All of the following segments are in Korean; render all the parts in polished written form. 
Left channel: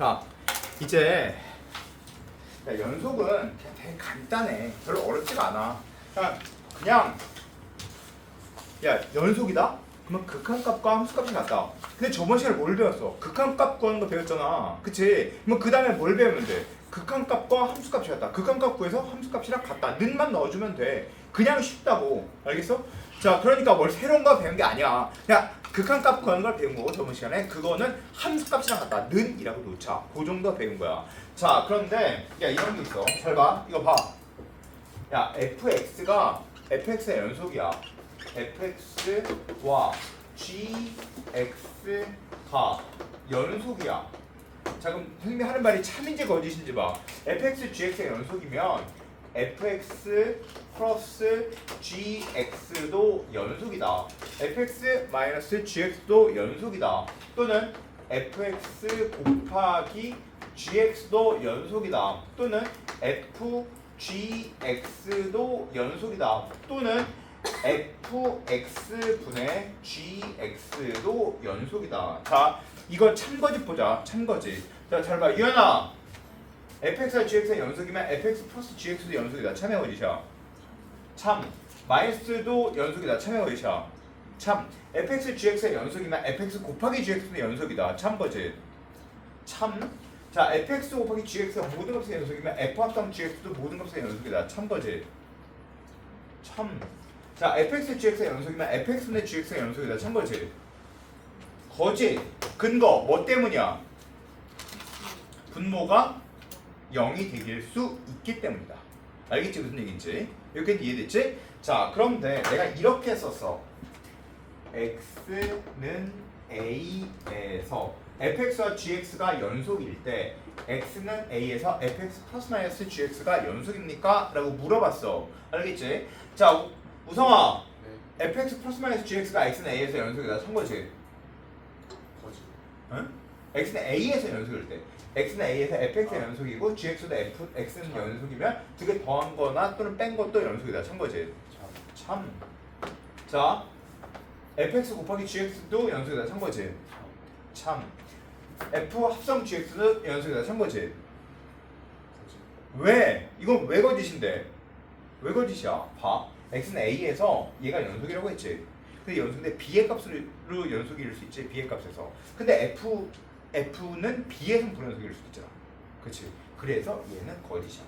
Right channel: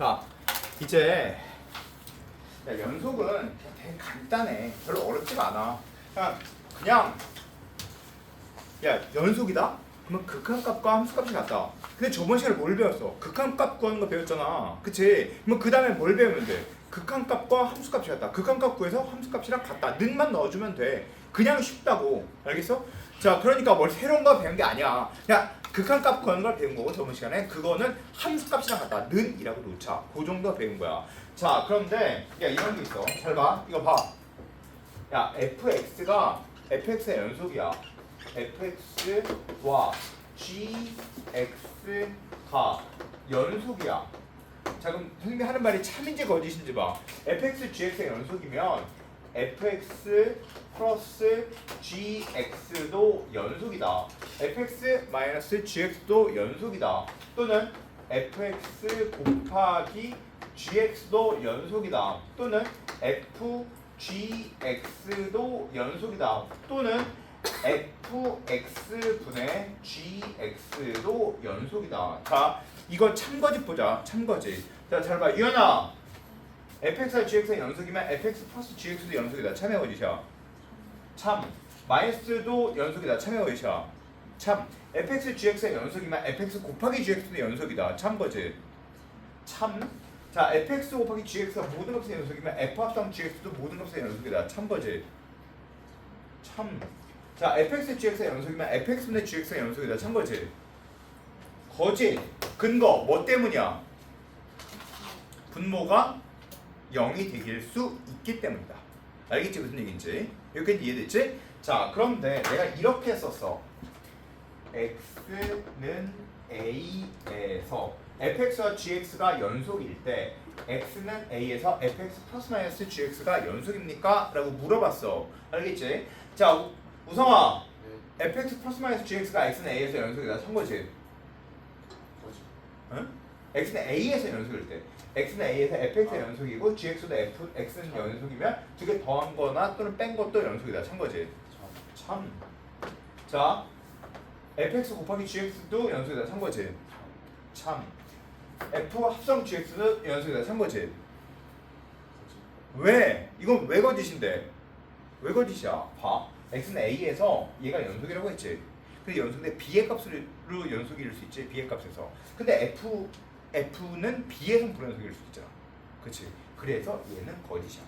자, 이제 야, 연속은 되게 간단해. 별로 어렵지가 않아. 그냥 야, 연속이다? 그러면 극한값과 함수값이 같다. 근데 저번 시간에 뭘 배웠어? 극한값 구하는 거 배웠잖아. 그치? 그럼 그 다음에 뭘 배우면 돼? 극한값과 함수값이 같다. 극한값 구해서 함수값이랑 같다. 는만 넣어주면 돼. 그냥 쉽다고. 알겠어? 자, 그러니까 뭘 새로운 거 배운 게 아니야. 그냥 극한값 구하는 걸 배운 거고 저번 시간에 그거는 함수값이랑 같다. 는이라고 놓자. 그 정도 배운 거야. 자, 그런데 야, 이런 게 있어. 잘 봐. 이거 봐. 야, fx의 연속이야. fx와 gx가 연속이야. 자, 그럼 선생님이 하는 말이 참인지 거짓인지 봐. fx, gx의 연속이면 fx 플러스 gx도 연속이다. fx 마이너스 gx도 연속이다. 또는 fx 곱하기 gx도 연속이다. 또는 fgx도 연속이다. 또는 fx분의 gx도 연속이다. 자, 이거 참거짓 보자. 참거짓. 자, 잘 봐. 유연아, fx와 gx의 연속이면 fx 플러스 gx도 연속이다. 참의 거짓이야. 참. 마이너스도 연속이다. 참의 거짓이야. 참. fx gx의 연속이면 fx 곱하기 gx도 연속이다. 참거짓. 참. 자, fx 곱하기 gx가 모든 값의 연속이면 f 합당 gx도 모든 값의 연속이다. 참거짓. 참. 자, fx gx의 연속이면 fx분의 gx의 연속이다. 참거짓. 거짓. 근거. 뭐 때문이야? 분모가 0이 되길 수 있기 때문이다. 알겠지? 무슨 얘기인지? 여기까지 이해됐지? 자, 그런데 내가 이렇게 썼어. x는 a에서 fx와 gx가 연속일 때 x는 a에서 fx 플러스 마이너스 gx가 연속입니까? 라고 물어봤어. 알겠지? 자, 우성아, 네. fx 플러스 마이너스 gx가 x는 a에서 연속이다. 선 거지? 거짓. 응? x는 a에서 연속일 때 x는 a에서 fx의 연속이고 gx도 x는 연속이면 두 개 더한 거나 또는 뺀 것도 연속이다. 참 거지? 참. 자, fx 곱하기 gx도 연속이다. 참 거지? 참. f 합성 gx도 연속이다. 참 거지? 왜? 이건 왜 거짓인데? 왜 거짓이야? 봐. x는 a에서 얘가 연속이라고 했지. 근데 연속인데 b의 값으로 연속일 수 있지. b의 값에서. 근데 f는 b에서 불연속일 수 있잖아. 그렇지? 그래서 얘는 거짓이야.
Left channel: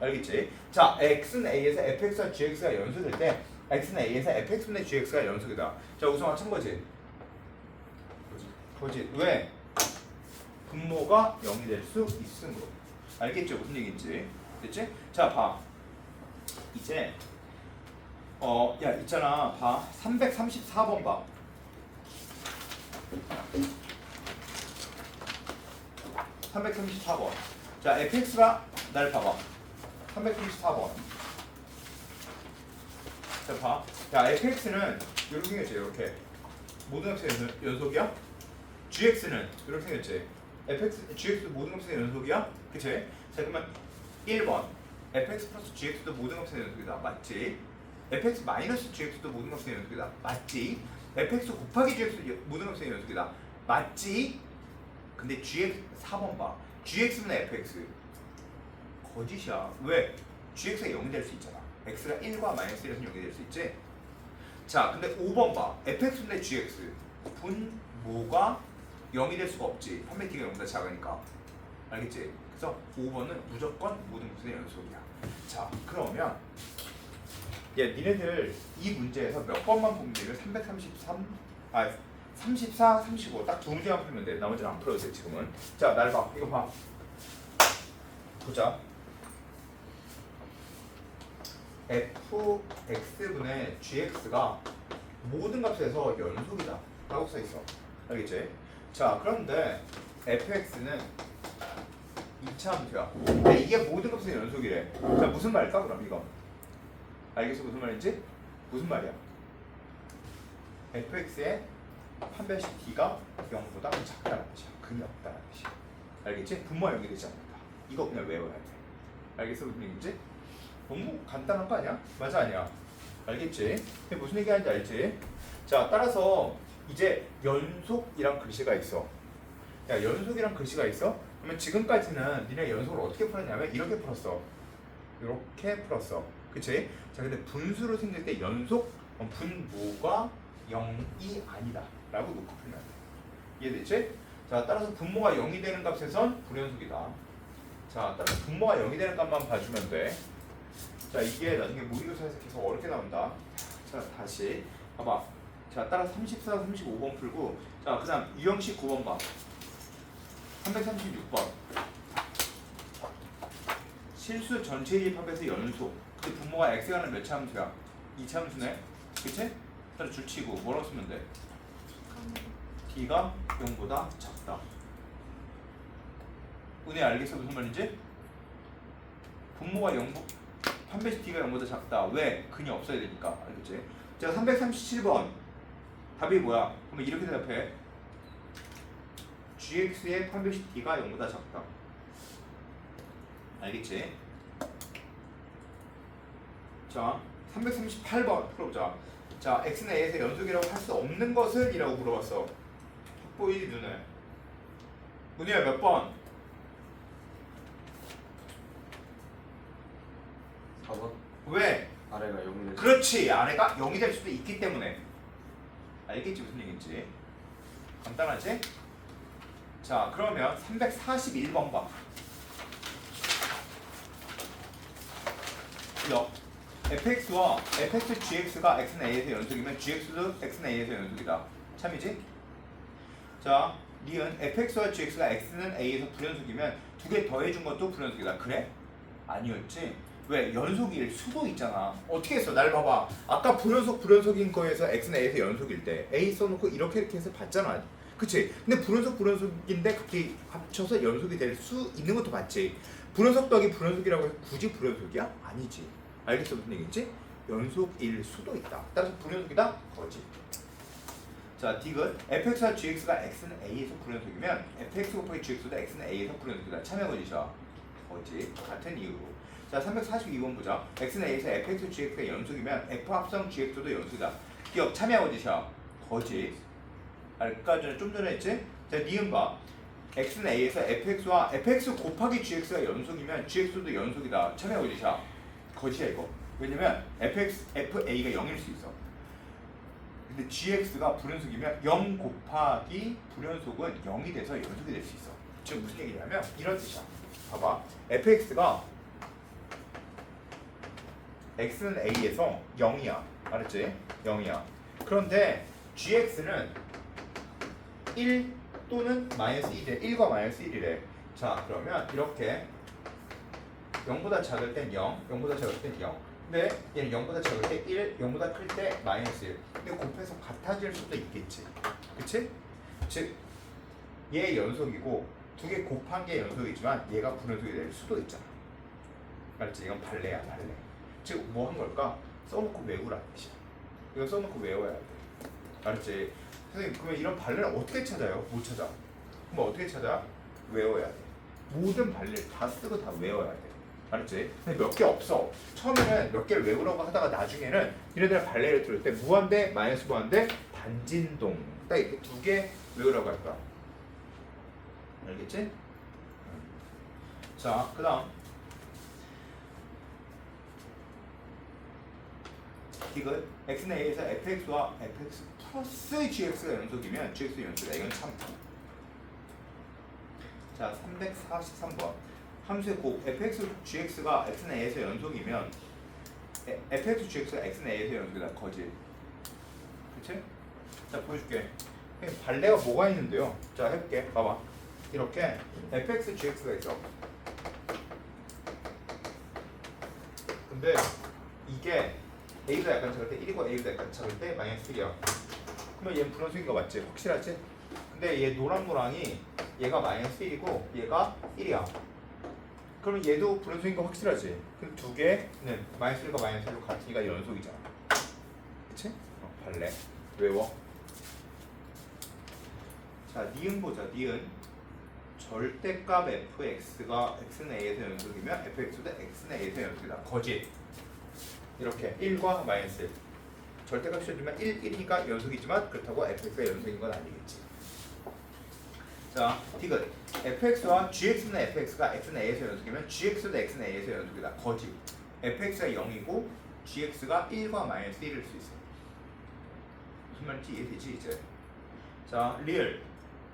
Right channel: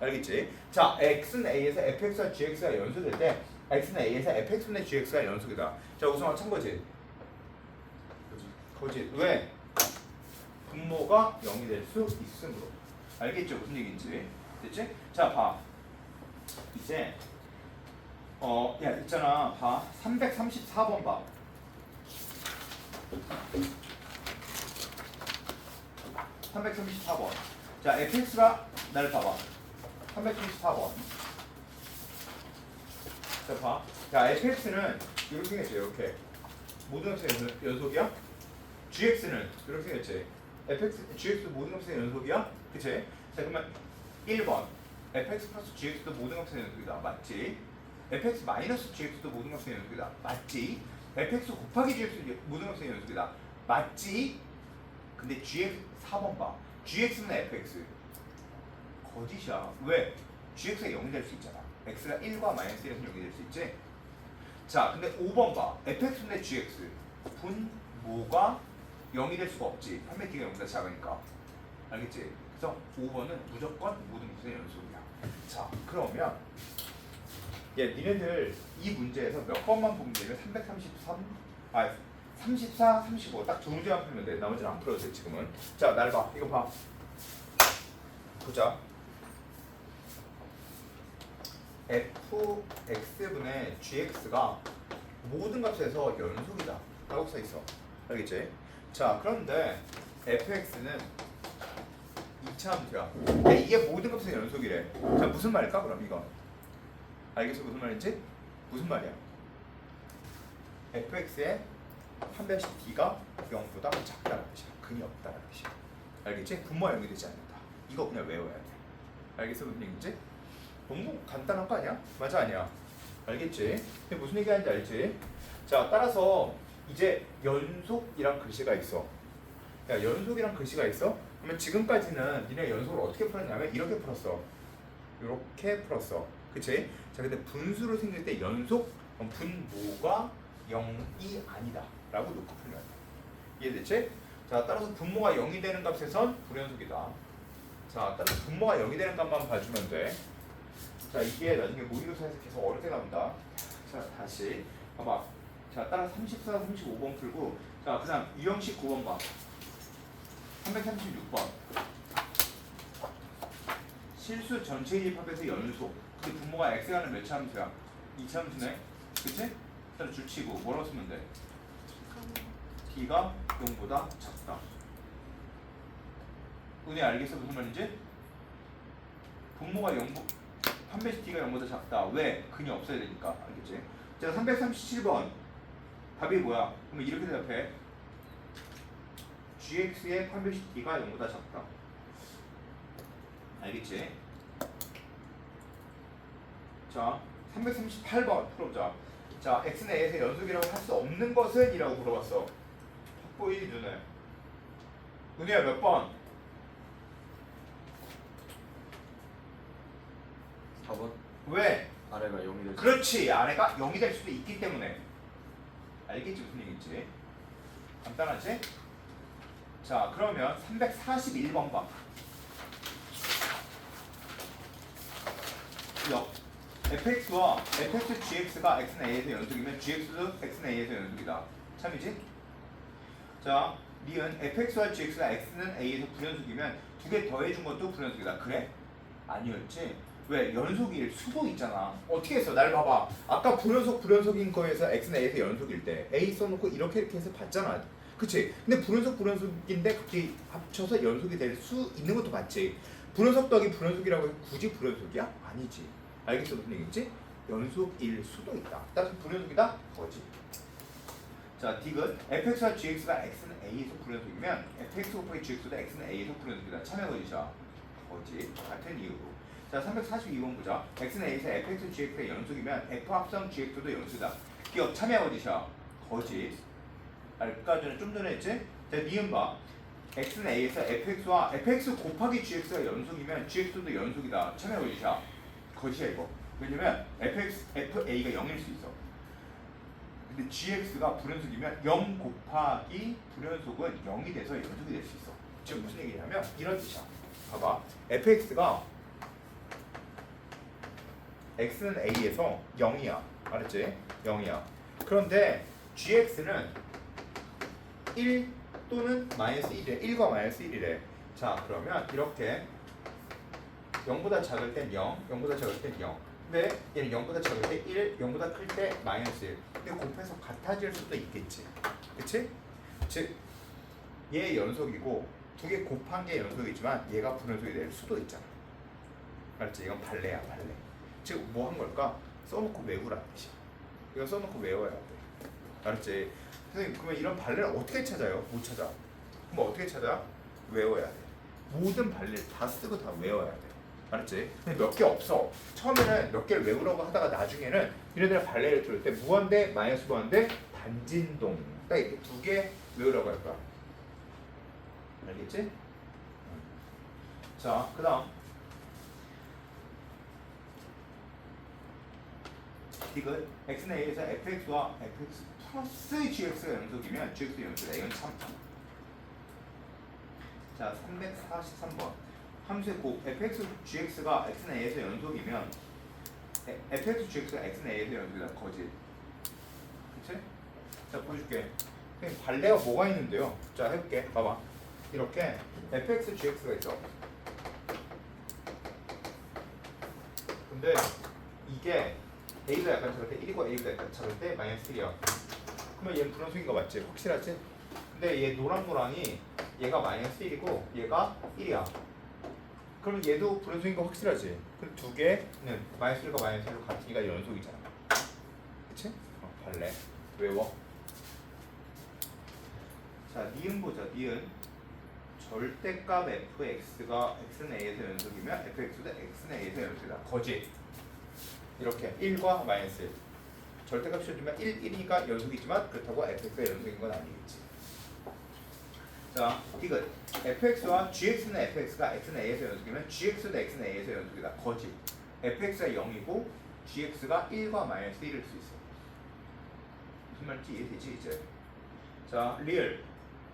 알겠지? 자, x는 a에서 fx와 gx가 연속일 때 x는 a에서 fx분의 gx가 연속이다. 자, 우성아 참 거지? 거짓. 왜? 분모가 0이 될 수 있으므로. 알겠죠? 무슨 얘기인지. 됐지? 자, 봐. 이제 야, 있잖아. 봐. 334번 봐. 334번. 자, fx가 날 봐봐. 334번. 자, 봐. 야, fx는 이렇게 생겼지. 이렇게. 모든 값의 연속이야. gx는 이렇게 생겼지. gx도 모든 값의 연속이야. 그치? 자, 그러면 1번. fx 플러스 gx도 모든 값의 연속이다. 맞지? fx 마이너스 gx도 모든 값의 연속이다. 맞지? fx 곱하기 gx도 모든 값의 연속이다. 맞지? 근데 gx 4번 봐. gx는 fx. 거짓이야. 왜? gx가 0이 될 수 있잖아. x가 1과 마이너스 1에서 0이 될 수 있지? 자, 근데 5번 봐. fx분의 gx. 분모가 0이 될 수가 없지. 판매티가 0보다 작으니까. 알겠지? 그래서 5번은 무조건 모든 값의 연속이야. 자, 그러면 니네들 이 문제에서 몇 번만 보면 돼? 34, 35 딱 두 문제만 풀면 돼. 나머지는 안 풀어도 돼 지금은. 자, 날 봐. 이거 봐. 보자. fx분의 gx가 모든 값에서 연속이다 라고 써있어. 알겠지? 자, 그런데 fx는 2차 함수야. 근데 이게 모든 값의 연속이래. 자, 무슨 말일까 그럼 이거? 알겠어? 무슨 말인지? 무슨 말이야? fx의 판별식 d가 0보다 작다는 뜻이야. 근이 없다는 뜻이야. 알겠지? 분모가 0이 되지 않는다. 이거 그냥 외워야 돼. 알겠어? 무슨 얘기인지? 너무 간단한 거 아니야? 맞아 아니야? 알겠지? 근데 무슨 얘기하는지 알지? 자, 따라서 이제 연속이란 글씨가 있어. 야, 연속이란 글씨가 있어? 그러면 지금까지는 니네 연속을 어떻게 풀었냐면 이렇게 풀었어. 이렇게 풀었어. 그치? 자, 근데 분수로 생길 때 연속 분모가 0이 아니다 라고 놓고 풀면 돼. 이해됐지? 자, 따라서 분모가 0이 되는 값에선 불연속이다. 자, 따라서 분모가 0이 되는 값만 봐주면 돼. 자, 이게 나중에 모의고사에서 계속 어렵게 나온다. 자, 다시 봐봐. 자, 따라 34, 35번 풀고, 자, 그 다음 유형식 9번 봐. 336번. 실수 전체 합에서 연속. 그 분모가 x가 하는 몇 차 함수야? 2차 함수네? 그치? 따라 줄치고 뭐라고 쓰면 돼? d가 0보다 작다. 은혜 알겠어? 무슨 말인지? 분모가 0, 판배식 d가 0보다 작다. 왜? 근이 없어야 되니까. 알겠지? 자, 337번. 답이 뭐야? 그러면 이렇게 대답해. gx의 판별식 d가 0보다 작다. 알겠지? 자, 338번 풀어보자. 자, x는 a에서 연속이라고 할 수 없는 것은 이라고 물어봤어. 보이지 눈에? 은희야 몇 번? 4번 왜? 아래가 0이 되죠. 그렇지, 아내가 0이 될 수도 있기 때문에. 알겠지 무슨 얘기인지? 간단하지? 자, 그러면 341번 봐. fx와 fx gx가 x는 a에서 연속이면 gx도 x는 a에서 연속이다. 참이지? 자, 니은 fx와 gx가 x는 a에서 불연속이면 두 개 더해준 것도 불연속이다. 그래? 아니었지? 왜? 연속일 수도 있잖아. 어떻게 했어? 날 봐봐. 아까 불연속인 거에서 x는 a에서 연속일 때 a 써놓고 이렇게 해서 봤잖아. 그치? 근데 불연속인데 갑자기 합쳐서 연속이 될 수 있는 것도 봤지. 불연속 더하기 불연속이라고 해서 굳이 불연속이야? 아니지. 알겠어? 무슨 얘기지? 연속일 수도 있다. 따라서 불연속이다? 거지. 자, 딕은 fx와 gx가 x는 a에서 불연속이면 fx 곱하기 gx도 x는 a에서 불연속이다. 참여 거지죠? 거지. 같은 이유로. 자, 342번 보자. x는 a에서 fx, gx가 연속이면 f 합성 gx도 연속이다. 기억 참여 거지죠? 거지. 아까 전에 좀 전에 했지? 자, 니은 봐. x는 a에서 fx와 fx 곱하기 gx가 연속이면 gx도 연속이다. 참여 거지죠? 거지야 이거. 왜냐면 fa가 0일 수 있어. 근데 gx가 불연속이면 0 곱하기 불연속은 0이 돼서 연속이 될 수 있어. 지금 무슨 얘기냐면 이런 뜻이야. 봐봐. fx가 x는 a에서 0이야. 알았지? 0이야. 그런데 gx는 1 또는 마이너스 1이래. 1과 마이너스 1이래. 자, 그러면 이렇게 0보다 작을 땐 0, 0보다 작을 땐 0. 근데 얘는 0보다 작을 때 1, 0보다 클 때 마이너스 1. 근데 곱해서 같아질 수도 있겠지. 그치? 즉, 얘 연속이고 두 개 곱한 게 연속이지만 얘가 불연속이 될 수도 있잖아. 알지? 이건 발레야, 발레. 즉, 뭐 한 걸까? 써놓고 외우라는 뜻이야. 이거 써놓고 외워야 돼. 알았지? 선생님, 그러면 이런 발레를 어떻게 찾아요? 못 찾아. 그럼 어떻게 찾아? 외워야 돼. 모든 발레를 다 쓰고 다 외워야 돼. 알았지? 근데 몇 개 없어. 처음에는 몇 개를 외우려고 하다가 나중에는 얘네들 발레를 들을 때 무한대, 마이너스 무한대, 단진동 딱 이렇게 두 개 외우라고 할 거야. 알겠지? 자, 그 다음 이건 x는 a에서 fx와 fx 플러스 gx가 연속이면 gx도 연속이다. 이건 참. 자, 343번. 함수의 곱 fx, gx가 x는 a에서 연속이면 fx, gx가 x는 a에서 연속이다. 거지. 그치? 자, 보여줄게. 발레가 뭐가 있는데요? 자, 해볼게. 봐봐. 이렇게 fx, gx가 있어. 근데 이게 a보다 약간 작을 때 1이고 a보다 약간 작을 때 마이너스 1이야. 그러면 얘는 불연속인 거 맞지? 확실하지? 근데 얘 노랑노랑이 얘가 마이너스 1이고 얘가 1이야. 그러면 얘도 불연속인 거 확실하지? 그럼 두 개는 마이너스 1과 마이너스 1로 같으니까 연속이잖아. 그치? 발레. 외워. 자, 니은 보자. 니은. 절대값 fx가 x는 a에서 연속이면 fx도 x는 a에서 연속이다. 거지? 이렇게 1과 마이너스 1. 절대값 씌워주면 1, 1이니까 연속이지만 그렇다고 fx가 연속인 건 아니겠지. 자, 디귿. fx와 gx는 fx가 x는 a에서 연속이면 gx도 x는 a에서 연속이다. 거짓. fx가 0이고 gx가 1과 마이너스 1일 수 있어. 무슨 말인지 이해되지 이제? 자, 리얼.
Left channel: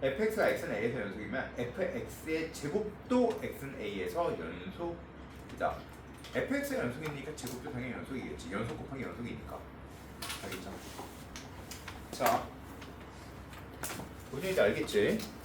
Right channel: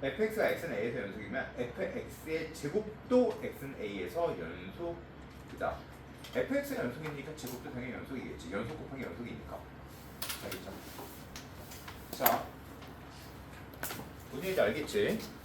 fx가 x는 a에서 연속이면 fx의 제곱도 x는 a에서 연속이다. fx가 연속이니까 제곱도 당연히 연속이겠지. 연속 곱하기 연속이니까. 알겠죠? 자, 무슨 얘기인지 알겠지?